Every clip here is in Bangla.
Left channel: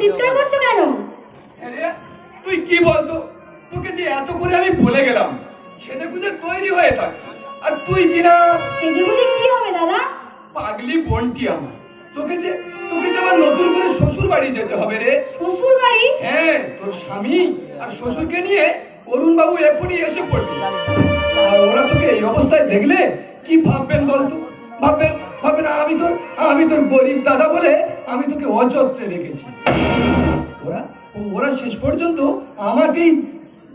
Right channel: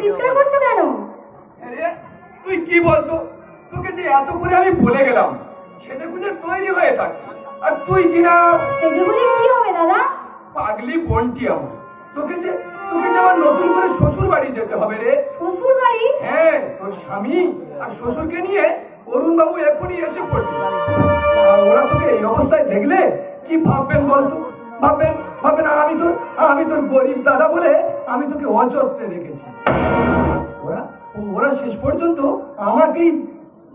চিৎকার করছো কেন? আরে তুই কি বলতো, তোকে যে এত করে আমি বলে গেলাম সেজে গুজে তৈরি হয়ে থাক, আর তুই কিনা সেজে গুজে কি হবে দাদা? পাগলি বোনটি আমার, তোকে যে আবার নতুন করে শ্বশুর বাড়ি যেতে হবে রে। শ্বশুর বাড়ি? হ্যাঁ, তোর স্বামী আর শ্বশুরকে নিয়ে অরুণ বাবু এখনই এসে পড়বে, আর ওরা তোকে এই অবস্থায় দেখলে কি ভাববেন বলতো? ভাববেন আমি তোর গরিব দাদা বলে আমি তোকে অযত্নে রেখেছি। ওরা শেষ পর্যন্ত আমাকেই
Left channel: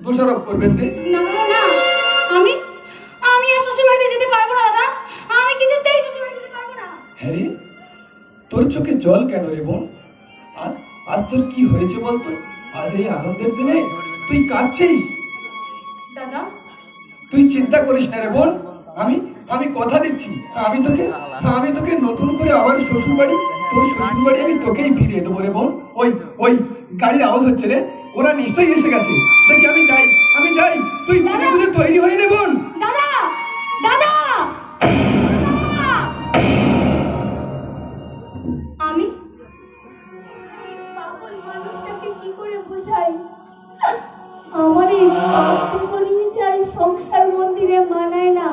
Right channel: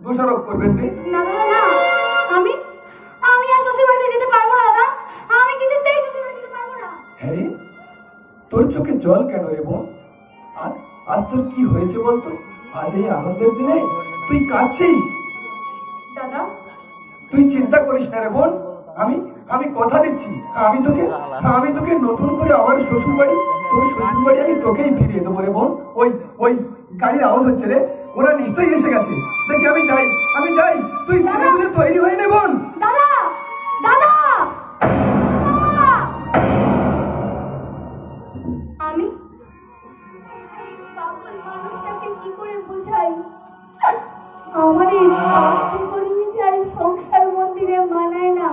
দোষারোপ করবেন রে। না দাদা না, আমি আর শ্বশুর বাড়িতে যেতে পারবো না দাদা, আমি কিছুতেই শ্বশুর বাড়িতে যেতে পারবো না। হ্যাঁ রে, তোর চোখে জল কেন রে বোন? আজ তোর কি হয়েছে বলতো? আজ এই আনন্দের দিনে তুই কাঁদছিস? দাদা তুই চিন্তা করিস না রে বোন, আমি কথা দিচ্ছি, আমি তোকে নতুন করে আমার শ্বশুর বাড়ি, তোর শ্বশুর বাড়ি আমি তোকেই ফিরিয়ে দেবো রে বোন। ওই গাড়ির আওয়াজ হচ্ছে রে, ওরা নিশ্চয়ই এসে গেছে। দেখি আমি যাই, তুই ছেলে বুঝে তৈরি হয়ে নে বোন। দাদা দাদা আমি পাগল মানুষটাকে কি করে বোঝাই? আমার এই আর সংসার মন্দিরে মানায় না,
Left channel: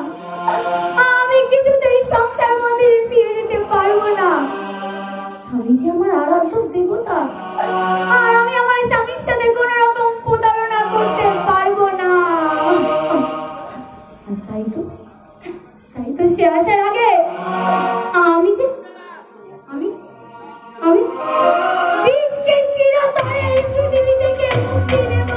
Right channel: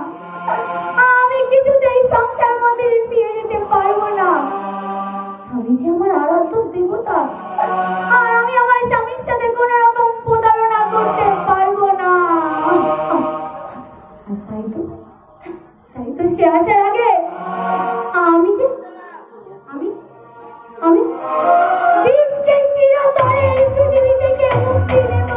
আমি কিছুতেই সংসার মন্দিরে ফিরে যেতে পারবো না। স্বামী যে আমার আরাধ্য দেবতা, আর আমি আমার স্বামীর সাথে কোন রকম প্রতারণা করতে পারবো না। আর তাই তো সে আসার আগে আমি বিষকে চিরতরে এই পৃথিবী থেকে মুক্তি দেব।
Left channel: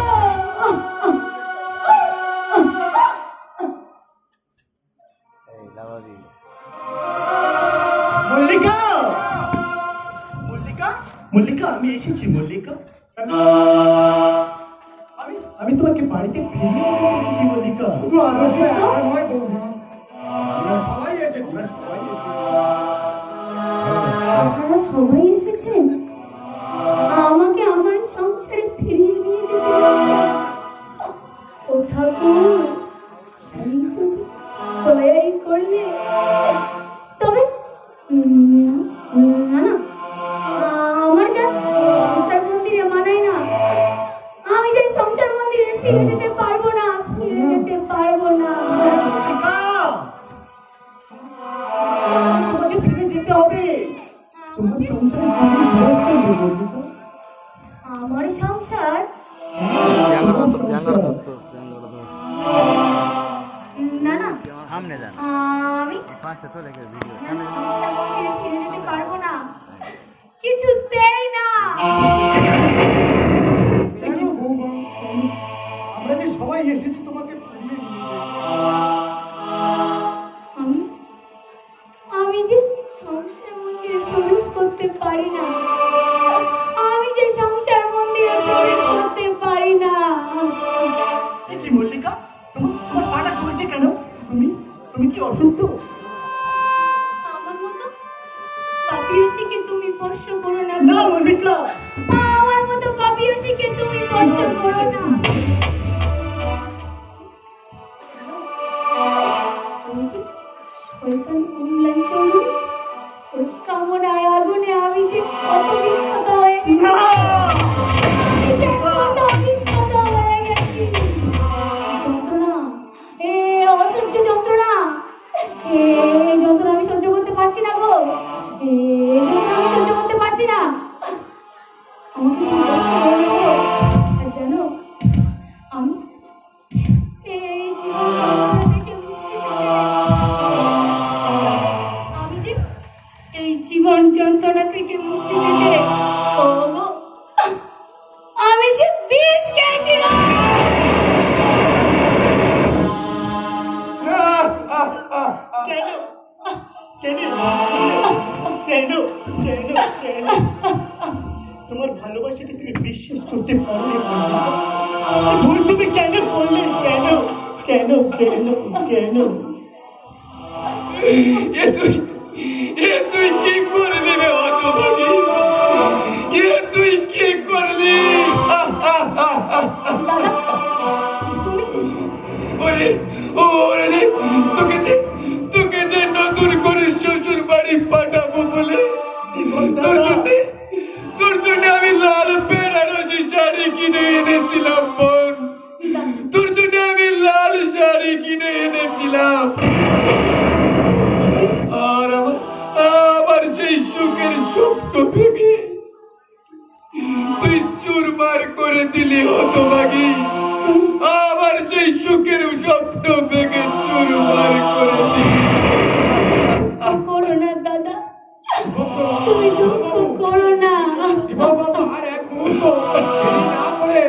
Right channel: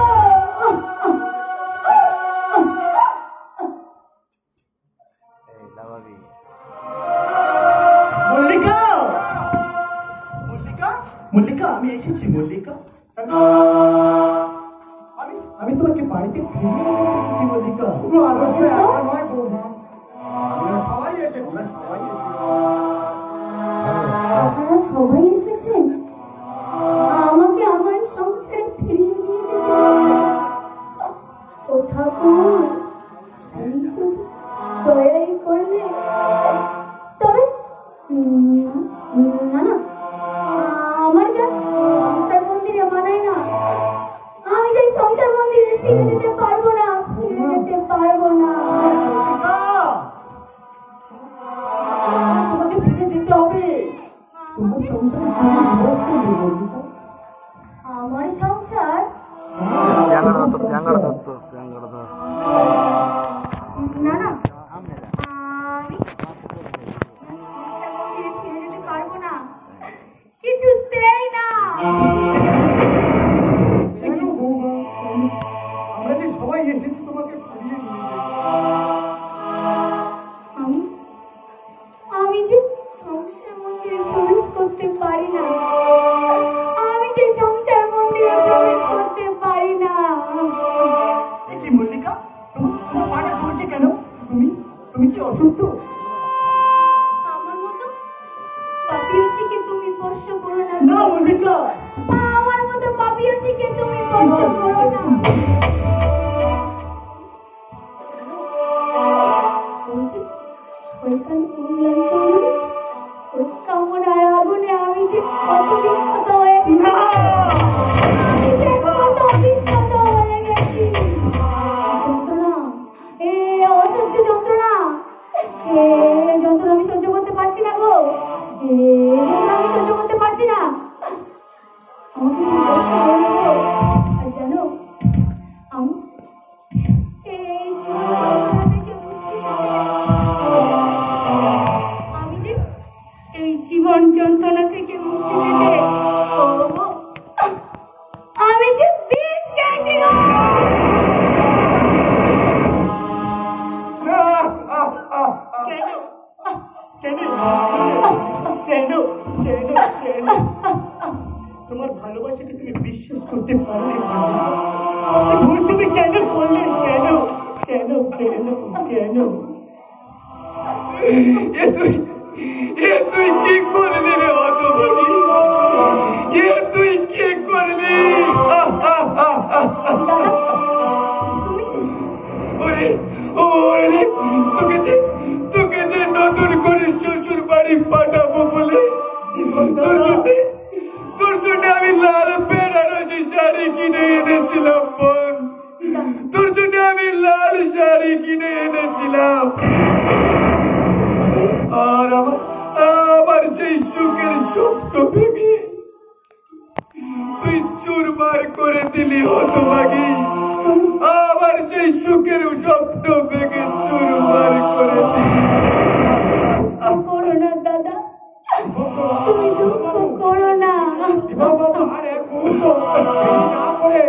মল্লিকা, আমি এসেছি মল্লিকা। আমি তোমাকে বাড়িতে ফিরিয়ে নিতে এসেছি মল্লিকা। আপনারা সবাই এসেছেন আমাকে আমার সংসারে ফিরিয়ে নিয়ে যেতে। ও ঠাকুর, স্বামী যদি দয়াই করলে তবে না, আমার যা সংসার মন্দিরে মানায় না, আমি যে সংসার মন্দিরে ফিরে যেতে পারবো না। তোমাকে ফিরে যেতে হবে। আমার সংসার না, আমি ফিরে যেতে পারবো না, কিছুতেই না। আমরা যে সবাই এসেছি তোমাকে ফিরিয়ে নিয়ে আমি যে সংসার মন্দিরে প্রবেশ করতে পারি না, কি মল্লিকা, তোমার পাটা চলছে কেন? তুমি কি অসুস্থ? আমার মতো পাপিয়সীকে তুমি স্পর্শ করো না। না মল্লিকা, আমার মতো পাপিয়সীকে তুমি স্পর্শ করো না। কামনার আগুনে আমি যে কত বিখ্যাত হয়ে গেছি। যন্ত্রণা, অসহ্য যন্ত্রণা, যন্ত্রণা আমি সহ্য করতে পারছি না গো, আমি সহ্য করতে পারছি না। আর জানো, আমি এই জীবন থেকে মুক্তি পেতে, আমি যে এই জীবন যন্ত্রণা থেকে মুক্তি পেতে আমি যে বিষ খেয়েছিলাম। তোমার ভালোবাসাকে তুমি বিশ্বাস করতে পারো ভুল তুমি কেন করলে? কেন তুই কি করলি রে হতভাগী? তুই কি করলি? তোকে যে নতুন করে শ্বশুর বাড়ি পাঠাবো বলে তোর জন্য আমি লাল শাড়ি কিনে এনেছিলাম বোন, তোর জন্য আমি লাল শাড়ি কিনে এনেছিলাম। আর আবার সেই সুখের স্বপ্ন ভেঙে তুই চুরমার করে দিলি হতভাগী। আবার সেই সুখের স্বপ্ন ভেঙে চুরমার করে দিলি। করো না দাদা, তুমি দুঃখ করো না। আর এক মুহূর্ত দেরি না করে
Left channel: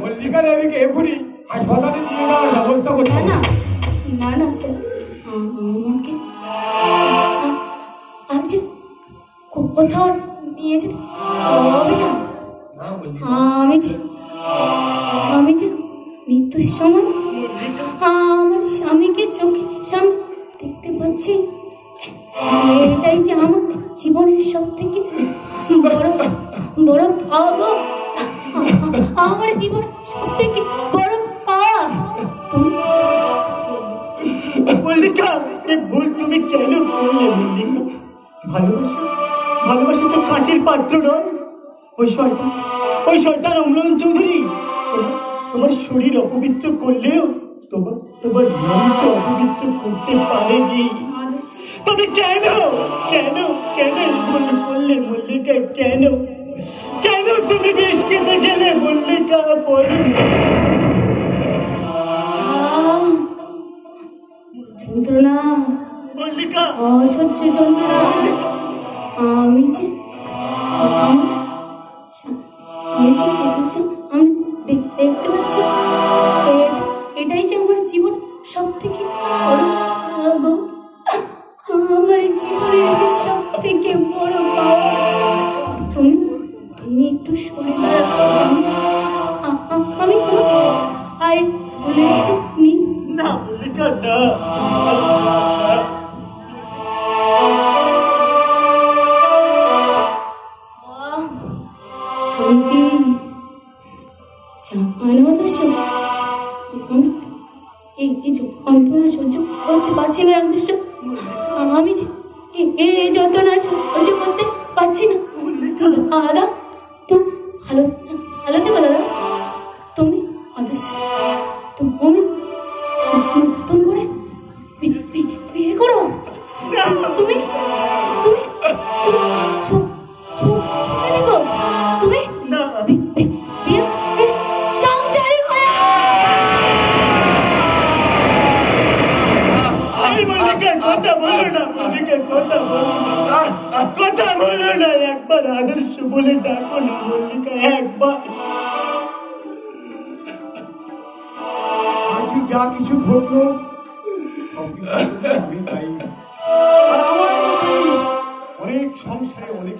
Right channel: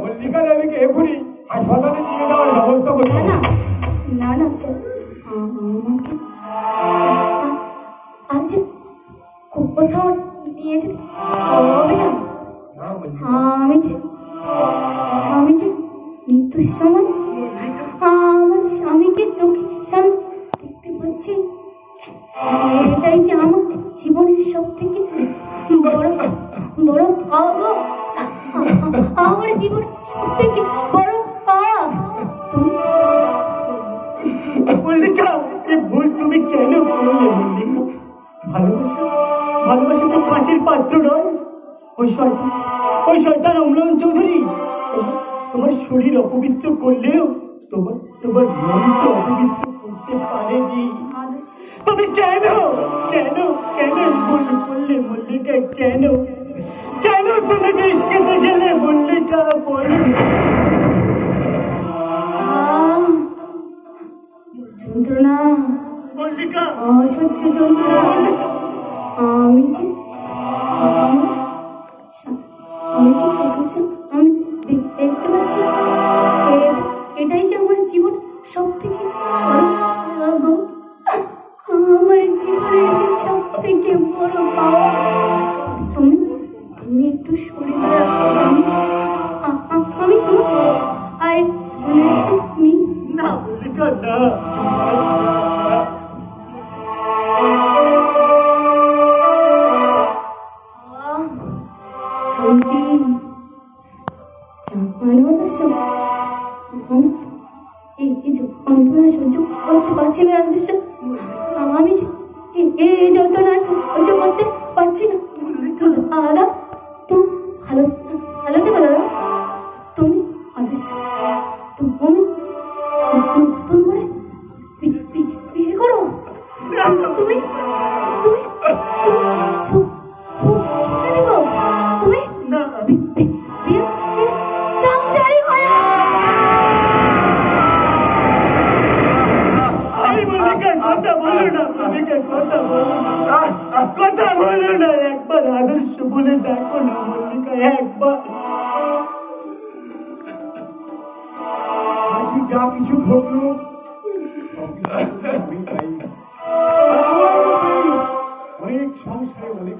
মল্লিকা দেবীকে এখনই হাসপাতালে নিয়ে যাওয়ার ব্যবস্থা করতে হবে। না না স্যার, আমাকে আর যে কোথাও নিয়ে যেতে হবে না। আমি যে মৃত্যুর সময় আমার স্বামীকে চোখের সামনে দেখতে পাচ্ছি, এটাই যে আমার জীবনের সব থেকে বড় বড় পাওয়া গো। আমার জীবনের সব থেকে বড় পাওয়া। মল্লিকা, এই ভুল তুমি কেন করলে মল্লিকা? ভালোবাসা তো কাঁচের পাত্র নয়। ওই শয়তান অম্লান চৌধুরী তোমার শরীর অপবিত্র করলেও তোমার মনকে অপবিত্র করতে পারেনি। তুমি কেন ভুল করলে মল্লিকা? কেন তুমি বেশ কেটে গেলে মল্লিকা? বলো। যন্ত্রণা মল্লিকা, অসহ্য যন্ত্রণা। আমি যে চোখের সামনে দেখতে পাচ্ছি, এটাই যে আমার জীবন সব থেকে বড়। আমার জীবনের যে সব থেকে বড় পাওয়া। তুমি একটু সরে দাঁড়াও, আমি আর না মল্লিকা, না। যন্ত্রণা সহ্য করতে পারছি না। আমি যে এই যন্ত্রণা সহ্য করতে পারছি না। দাদা, তুমি ভালো থেকো দাদা। তুমি আদর্শ, তুমি নতুন করে বিয়ে করো। তুমি সুখে দেখো। তুমি বিয়ে সংসারী হয়ে কথা বলো না মল্লিকা, কথা বলো না। একবার আদর্শ বলে ডাকো না মল্লিকা, একবার। আজ যা কিছু ঘটলো অনেক সংসারে অনেক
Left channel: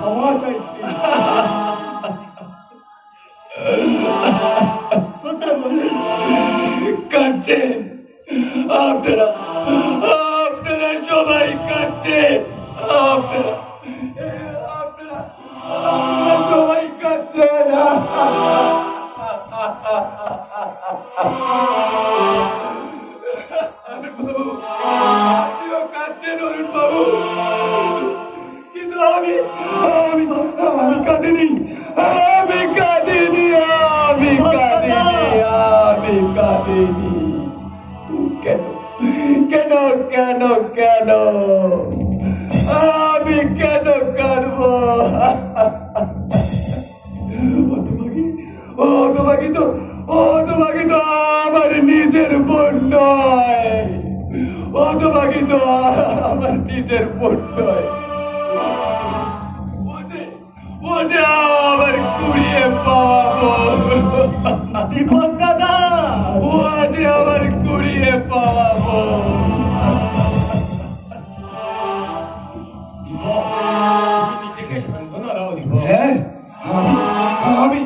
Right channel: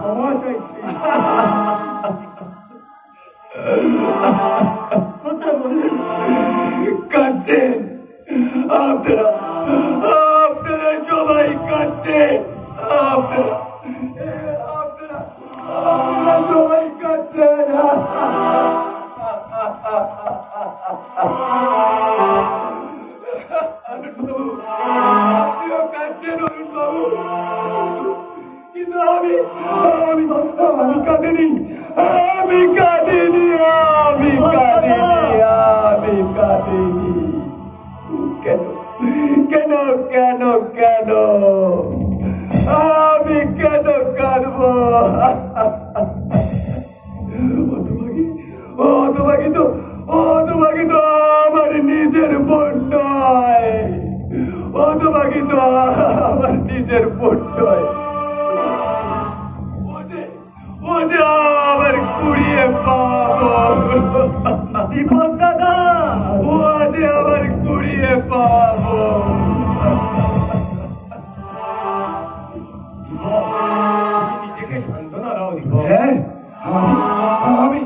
ক্ষমা চাইছি। কাঁদছেন আপনারা সবাই কাঁদছেন। আপনারা সবাই কাঁদছেন। আপনিও কাঁদছেন অরুণ বাবু, কিন্তু আমি কাঁদিনি। কেন আমি কেন কাঁদব? হতভাগী তো আমার নিজের বোন নয়। হতভাগী তো আমার নিজের বোন নয়। ও যে আমার কুড়িয়ে পাবো। দীপক দাদা, ও যে আমার কুড়িয়ে পাবো। স্যার, আমি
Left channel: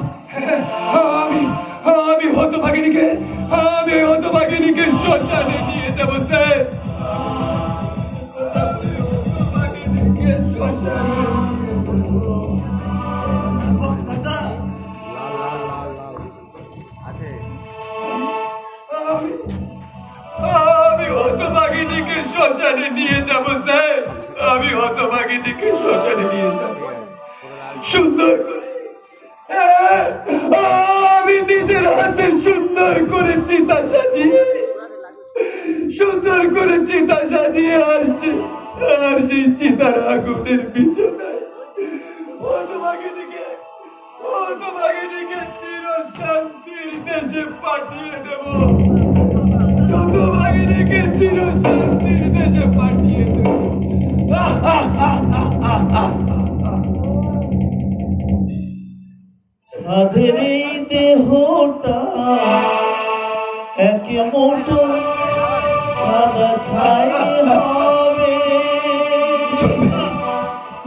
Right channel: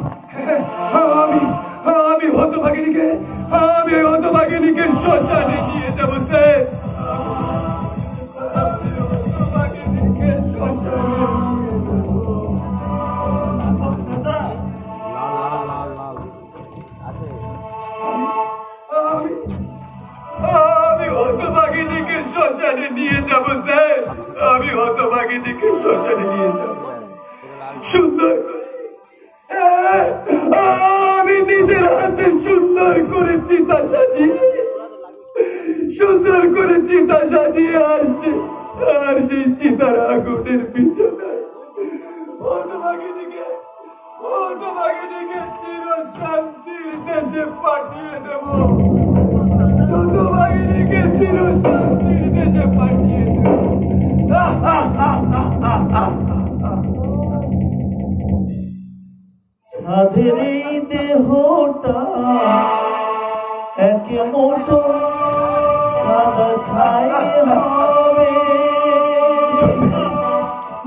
হতভাগিনীকে শ্মশানে নিয়ে যাবো স্যার। আমি হতভাগিনীকে শ্মশানে নিয়ে যাবো স্যার। আমি হতভাগিনীকে শ্মশানে নিয়ে যাব সুন্দর করে। আমি নিজের হাতে সুন্দর করে চিতা সাজিয়ে আর সেই চিতার আগুনের পিছনে হতভাগিনীকে চির শান্তির দেশে পাঠিয়ে দেব। হতভাগিনীকে চির শান্তির দেশে পাঠিয়ে দেব। সাধের এই দেহটা একে মোটো সাদা ছাই হবে।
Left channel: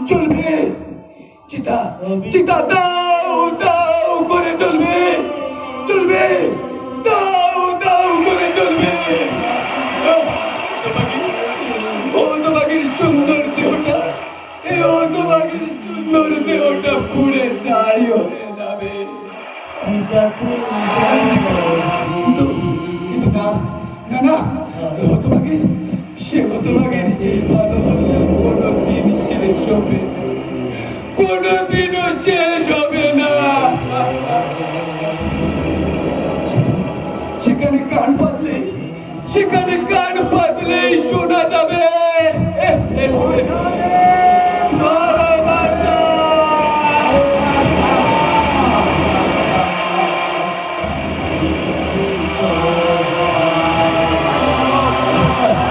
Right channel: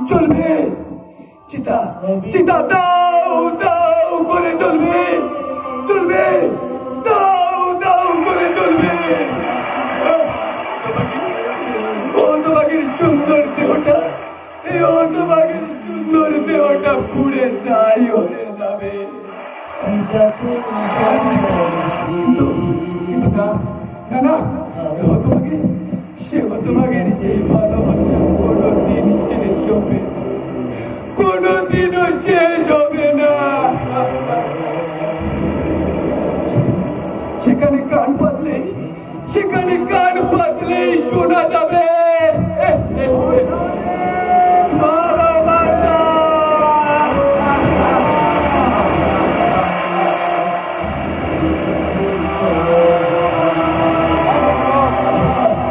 চলবে চিতা চিতা দাও দাও করে চলবে দাও দাও করে চলবে। হতভাগীর সুন্দর দেহটা পুড়ে ছাই হয়ে যাবে। কিন্তু না না না হতভাগীর সেই ভালোবাসা কোনোদিন শেষ হবে না, কোনোদিনও শেষ হবে না। সেখানে কান পাতলেই শোনা যাবে